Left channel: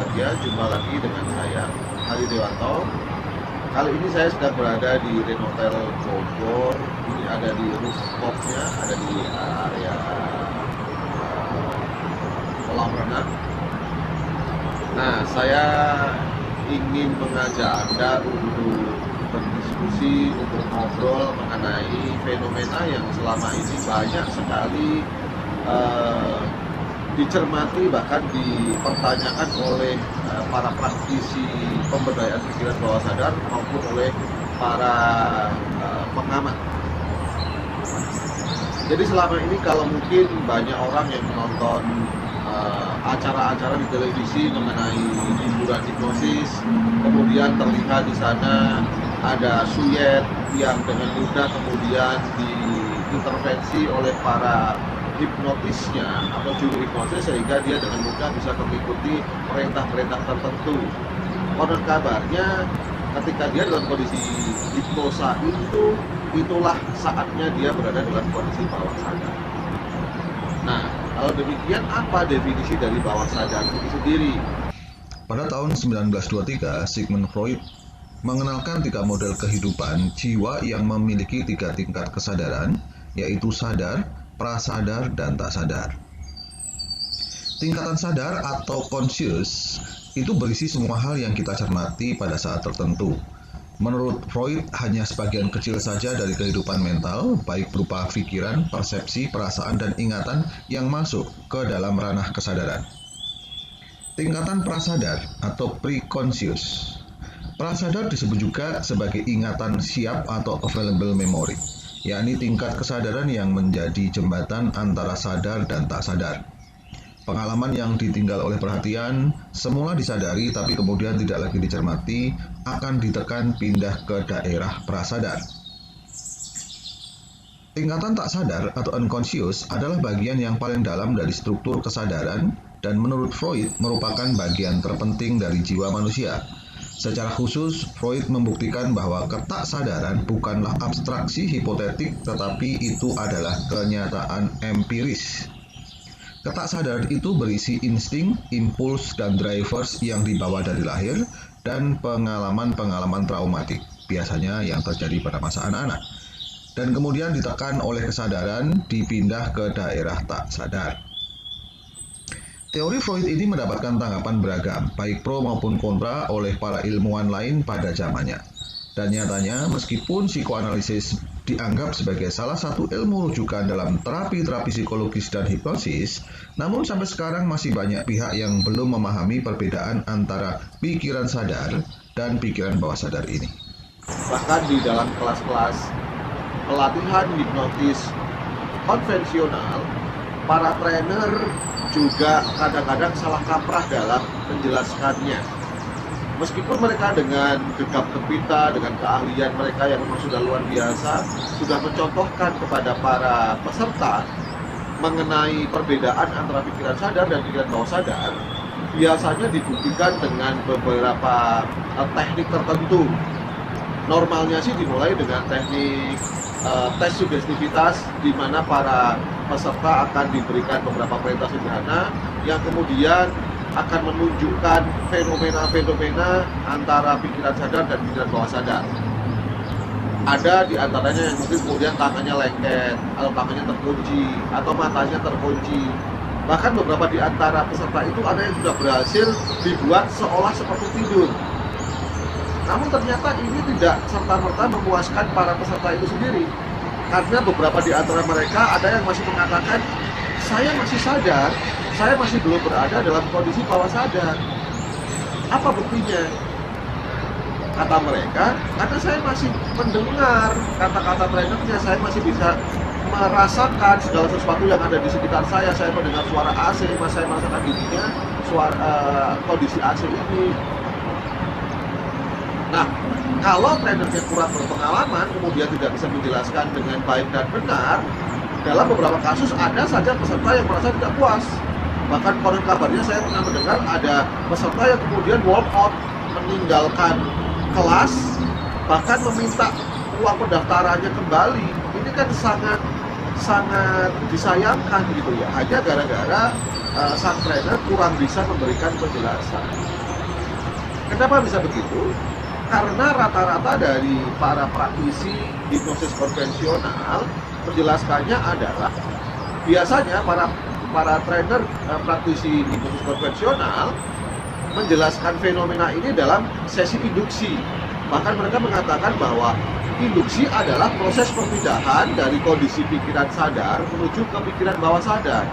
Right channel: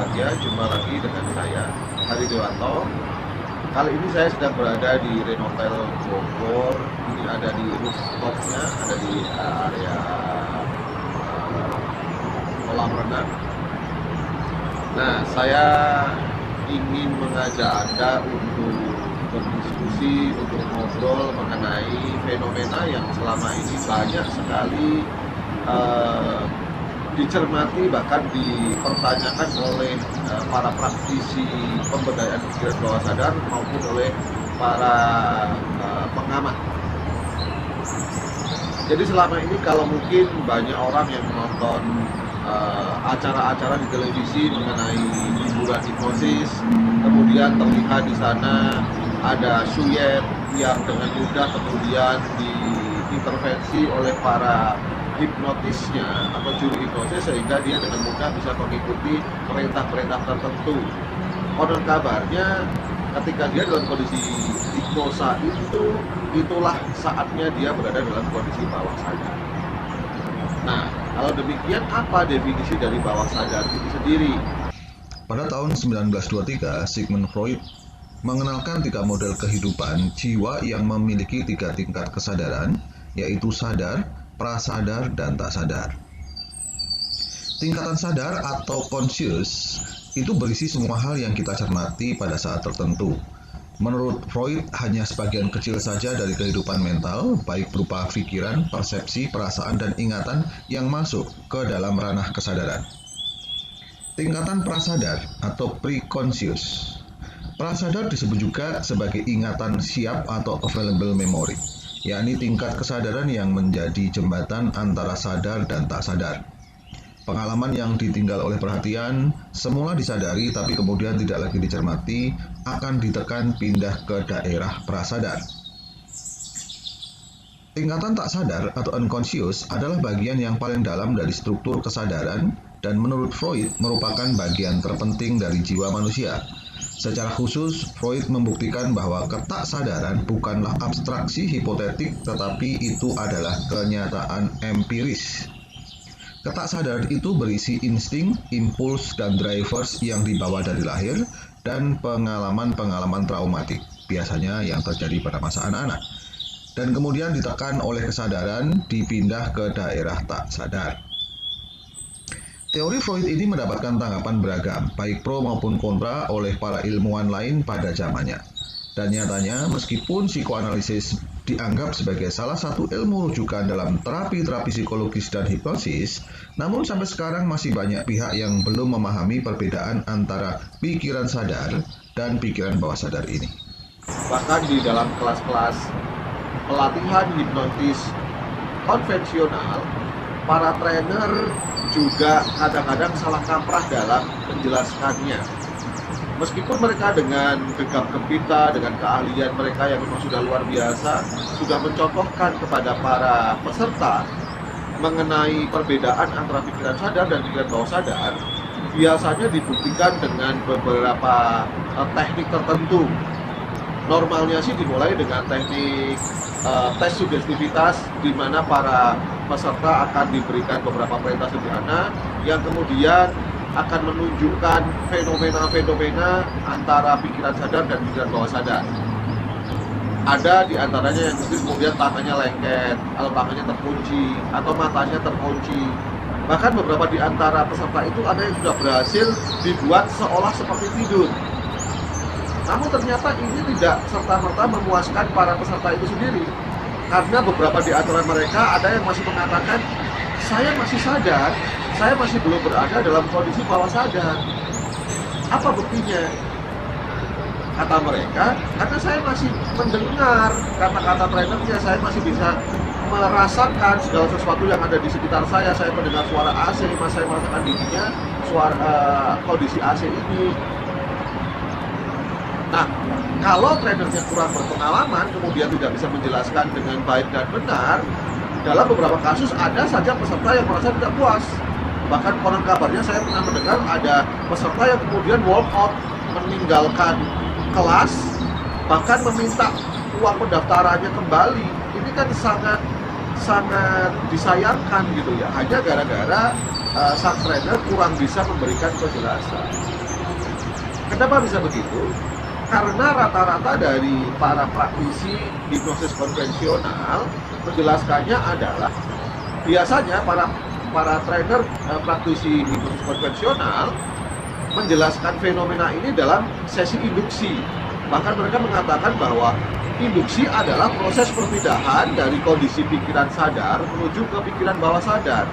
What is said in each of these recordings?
berbahagia jumpa lagi dengan saya, Hari Dewanto. Kali ini saya sedang berada di Renotel Bogor, ada di rooftopnya, ada di area kolam renang. Nah, saya ingin mengajak Anda untuk berdiskusi, untuk ngobrol mengenai fenomena yang selama ini banyak sekali dicermati, bahkan dipertanyakan oleh para praktisi pemberdayaan pikiran bawah sadar maupun oleh para pengamat. Jadi selama ini kalau mungkin banyak orang yang menonton acara-acara di televisi mengenai hiburan hipnosis, kemudian terlihat di sana ada suyet yang dengan mudah kemudian diintervensi oleh para hipnotisnya atau juru hipnosis sehingga dia dengan mudah bisa mengikuti perintah-perintah tertentu. Menurut kabarnya, ketika dia dalam kondisi hipnosa itulah saatnya dia berada dalam kondisi bawah sadar. Nah, kalau demikian apa definisi dari bawah sadar itu sendiri? Pada tahun 1923, Sigmund Freud mengenalkan 3 model kehidupan jiwa yang memiliki 3 tingkat kesadaran, yaitu sadar, prasadar, dan tak sadar. Tingkatan sadar atau conscious itu berisi semua hal yang kita cermati pada saat tertentu. Menurut Freud, hanya sebagian kecil saja dari kehidupan mental, baik berupa pikiran, persepsi, perasaan, dan ingatan yang masuk ke dalam ranah kesadaran. Tingkatan prasadar atau pre-conscious. Prasadar disebut juga sebagai ingatan siap atau available memory, yakni tingkat kesadaran yang menjadi jembatan antara sadar dan tak sadar. Pengalaman yang ditinggal oleh perhatian, semula disadari tapi kemudian tidak lagi dicermati, akan ditekan pindah ke daerah prasadar. Tingkatan tak sadar atau unconscious adalah bagian yang paling dalam dari struktur kesadaran dan menurut Freud merupakan bagian terpenting dari jiwa manusia. Secara khusus, Freud membuktikan bahwa ketaksadaran bukanlah abstraksi hipotetik tetapi itu adalah kenyataan empiris. Ketaksadar itu berisi insting, impuls, dan drivers yang dibawa dari lahir dan pengalaman-pengalaman traumatik, biasanya yang terjadi pada masa anak-anak. Dan kemudian ditekan oleh kesadaran, dipindah ke daerah tak sadar. Teori Freud ini mendapatkan tanggapan beragam, baik pro maupun kontra oleh para ilmuwan lain pada zamannya. Dan nyatanya, meskipun psikoanalisis dianggap sebagai salah satu ilmu rujukan dalam terapi-terapi psikologis dan hipnosis, namun sampai sekarang masih banyak pihak yang belum memahami perbedaan antara pikiran sadar dan pikiran bawah sadar ini. Bahkan di dalam kelas-kelas pelatihan hipnotis konvensional, para trainer juga kadang-kadang salah kaprah dalam menjelaskannya. Meskipun mereka dengan gegap gempita, dengan keahlian mereka yang memang sudah luar biasa, sudah mencontohkan kepada para peserta mengenai perbedaan antara pikiran sadar dan pikiran bawah sadar, biasanya dibuktikan dengan beberapa teknik tertentu. Normalnya sih dimulai dengan teknik tes sugestivitas, di mana para peserta akan diberikan beberapa perintah sederhana yang kemudian akan menunjukkan fenomena-fenomena antara pikiran sadar dan pikiran bawah sadar. Ada di antaranya yang mungkin kemudian tangannya lengket, atau tangannya terkunci, atau matanya terkunci. Bahkan beberapa di antara peserta itu ada yang sudah berhasil dibuat seolah seperti tidur. Namun ternyata ini tidak serta-merta memuaskan para peserta itu sendiri. Karena beberapa di antara mereka ada yang masih mengatakan, saya masih sadar, saya masih belum berada dalam kondisi bawah sadar. Apa buktinya? Kata mereka, karena saya masih mendengar kata-kata trainernya, saya masih bisa merasakan segala sesuatu yang ada di sekitar saya mendengar suara AC, saya merasakan dinginnya kondisi AC ini. Nah, kalau trainernya kurang berpengalaman, kemudian tidak bisa menjelaskan dengan baik dan benar, dalam beberapa kasus ada saja peserta yang merasa tidak puas. Bahkan konon kabarnya saya pernah mendengar ada peserta yang kemudian walk out, meninggalkan kelas, bahkan meminta uang pendaftarannya kembali. Ini kan sangat disayangkan gitu ya, hanya gara-gara sang trainer kurang bisa memberikan penjelasan. Kenapa bisa begitu? Karena rata-rata dari para praktisi hipnosis konvensional menjelaskannya adalah biasanya para trainer praktisi hipnosis konvensional menjelaskan fenomena ini dalam sesi induksi. Bahkan mereka mengatakan bahwa induksi adalah proses perpindahan dari kondisi pikiran sadar menuju ke pikiran bawah sadar.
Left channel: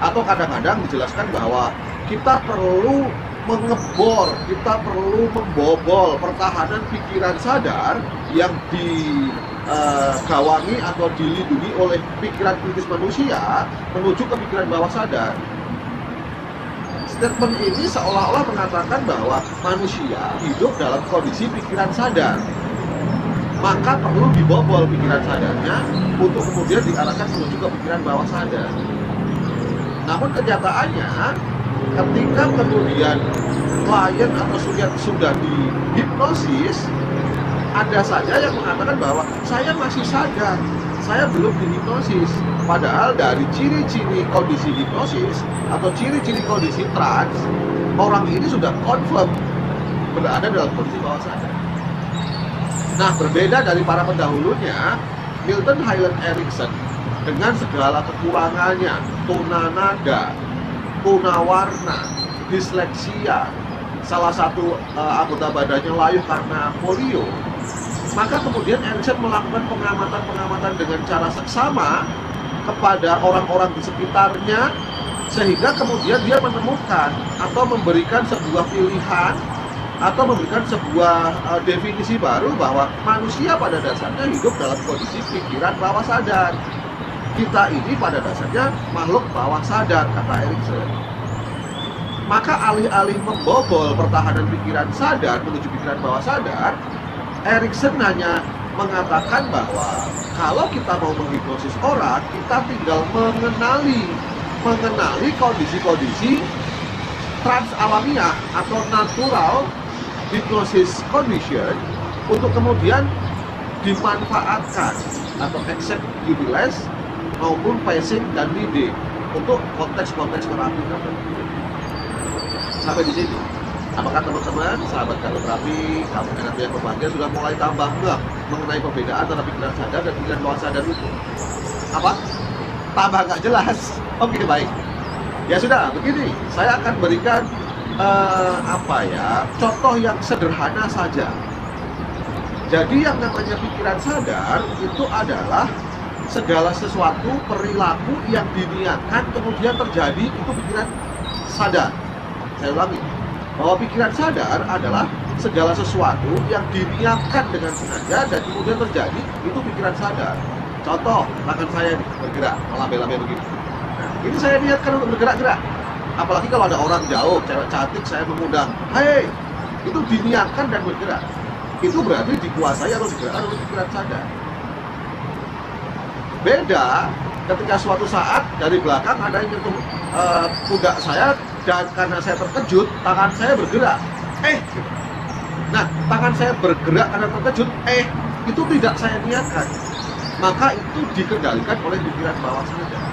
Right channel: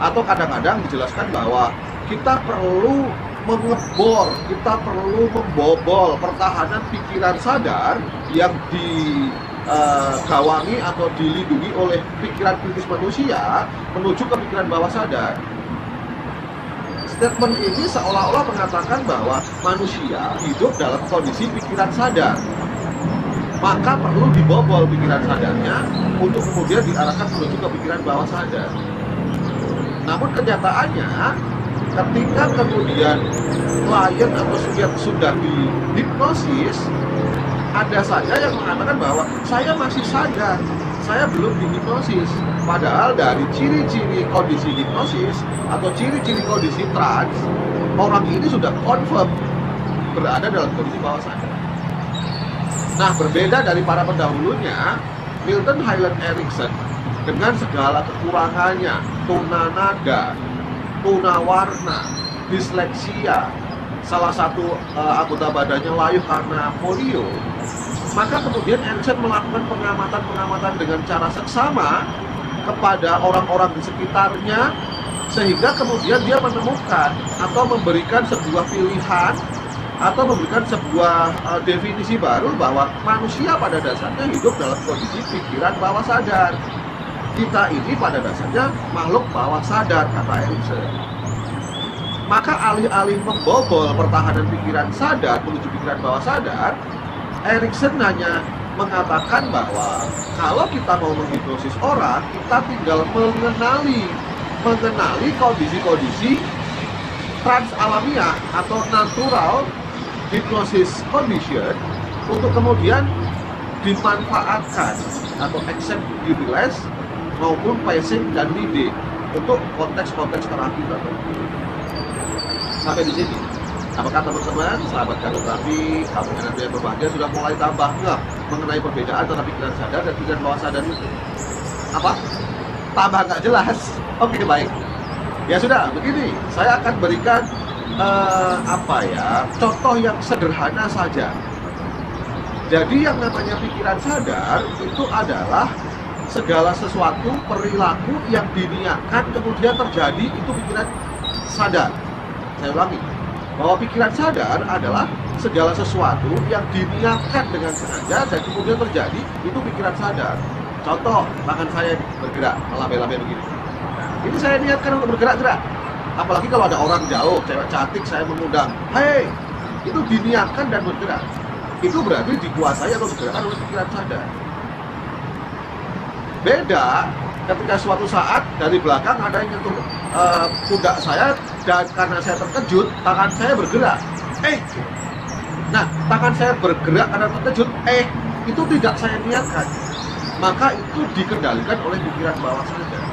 Atau kadang-kadang dijelaskan bahwa kita perlu mengebor, kita perlu membobol pertahanan pikiran sadar yang digawangi atau dilindungi oleh pikiran kritis manusia menuju ke pikiran bawah sadar. Statement ini seolah-olah mengatakan bahwa manusia hidup dalam kondisi pikiran sadar, maka perlu dibobol pikiran sadarnya untuk kemudian diarahkan menuju ke pikiran bawah sadar. Namun kenyataannya, ketika kemudian klien atau subjek sudah dihipnosis, ada saja yang mengatakan bahwa saya masih sadar, saya belum dihipnosis. Padahal dari ciri-ciri kondisi hipnosis atau ciri-ciri kondisi trans, orang ini sudah confirm berada dalam kondisi bawah sadar. Nah, berbeda dari para pendahulunya, Milton Hyland Erickson dengan segala kekurangannya, tunanaga, tunawarna, disleksia, salah satu anggota badannya layu karena polio, maka kemudian Erickson melakukan pengamatan-pengamatan dengan cara seksama kepada orang-orang di sekitarnya, sehingga kemudian dia menemukan atau memberikan sebuah pilihan atau memberikan sebuah definisi baru bahwa manusia pada dasarnya hidup dalam kondisi pikiran bawah sadar. Kita ini pada dasarnya makhluk bawah sadar, kata Erickson. Maka alih-alih membobol pertahanan pikiran sadar menuju pikiran bawah sadar, Erickson hanya mengatakan bahwa kalau kita mau menghipnosis orang, kita tinggal mengenali kondisi-kondisi trans alamiah atau natural hypnosis condition untuk kemudian dimanfaatkan atau accept, utilize maupun passing dan leading untuk konteks-konteks terapi. Sampai di sini, apakah teman-teman, sahabat terapi, sahabat terapi yang berbahagia sudah mulai tambah ngeh mengenai perbedaan antara pikiran sadar dan pikiran bawah sadar itu? Apa? Tambah nggak jelas? Oke, baik. Ya sudah, begini, saya akan berikan contoh yang sederhana saja. Jadi yang namanya pikiran sadar itu adalah segala sesuatu perilaku yang diniatkan kemudian terjadi, itu pikiran sadar. Saya ulangi, bahwa pikiran sadar adalah segala sesuatu yang diniatkan dengan sengaja dan kemudian terjadi, itu pikiran sadar. Contoh, tangan saya bergerak, melambai-lambai begitu. Nah, itu saya niatkan untuk bergerak-gerak. Apalagi kalau ada orang jauh, cewek cantik, saya mengundang, hei, itu diniatkan dan bergerak. Itu berarti dikuasai atau digerakkan oleh pikiran sadar. Beda ketika suatu saat dari belakang ada yang nyentuh pundak saya, dan karena saya terkejut, tangan saya bergerak. Nah, tangan saya bergerak karena terkejut, itu tidak saya niatkan. Maka itu dikendalikan oleh pikiran bawah sadar.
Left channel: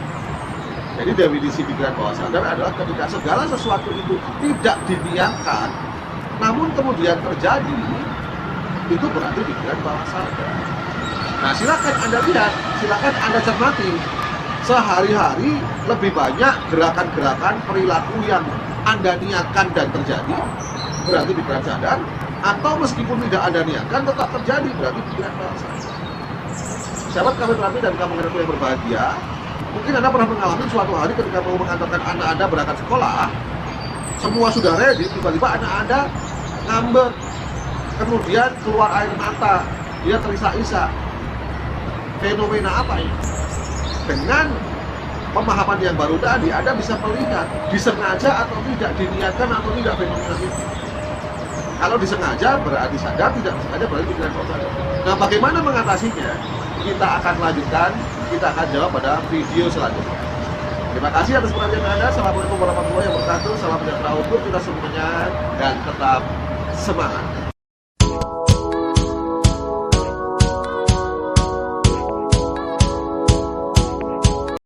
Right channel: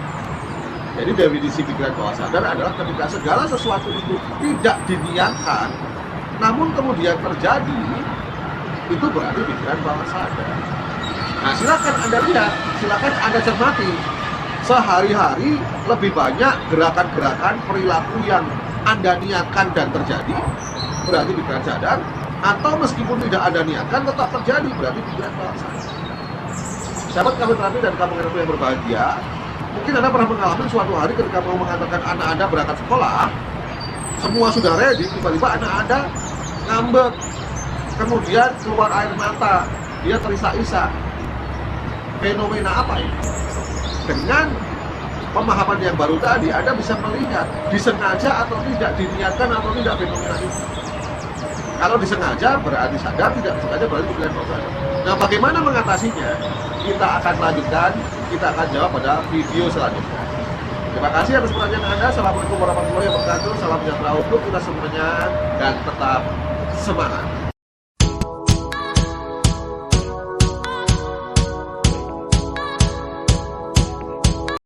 Jadi definisi pikiran bawah sadar adalah ketika segala sesuatu itu tidak diniatkan, namun kemudian terjadi, itu berarti pikiran bawah sadar. Nah, silakan Anda lihat, silakan Anda cermati. Sehari-hari lebih banyak gerakan-gerakan perilaku yang Anda niatkan dan terjadi, berarti pikiran sadar, atau meskipun tidak ada niatkan tetap terjadi, berarti pikiran bawah sadar. Sahabat kami terapi dan kamu yang berbahagia, mungkin Anda pernah mengalami suatu hari ketika mau mengatakan anak Anda berangkat sekolah, semua sudah ready, tiba-tiba anak Anda ngambek, kemudian keluar air mata, dia terisak-isak. Fenomena apa ini? Dengan pemahaman yang baru tadi, Anda bisa melihat disengaja atau tidak, diniatkan atau tidak fenomena itu. Kalau disengaja berarti sadar, tidak disengaja berarti pikiran bawah sadar. Nah, bagaimana mengatasinya? Kita akan lanjutkan, kita akan jawab pada video selanjutnya. Terima kasih atas perhatian Anda. Assalamualaikum warahmatullahi wabarakatuh. Salam sejahtera untuk kita semuanya dan tetap semangat.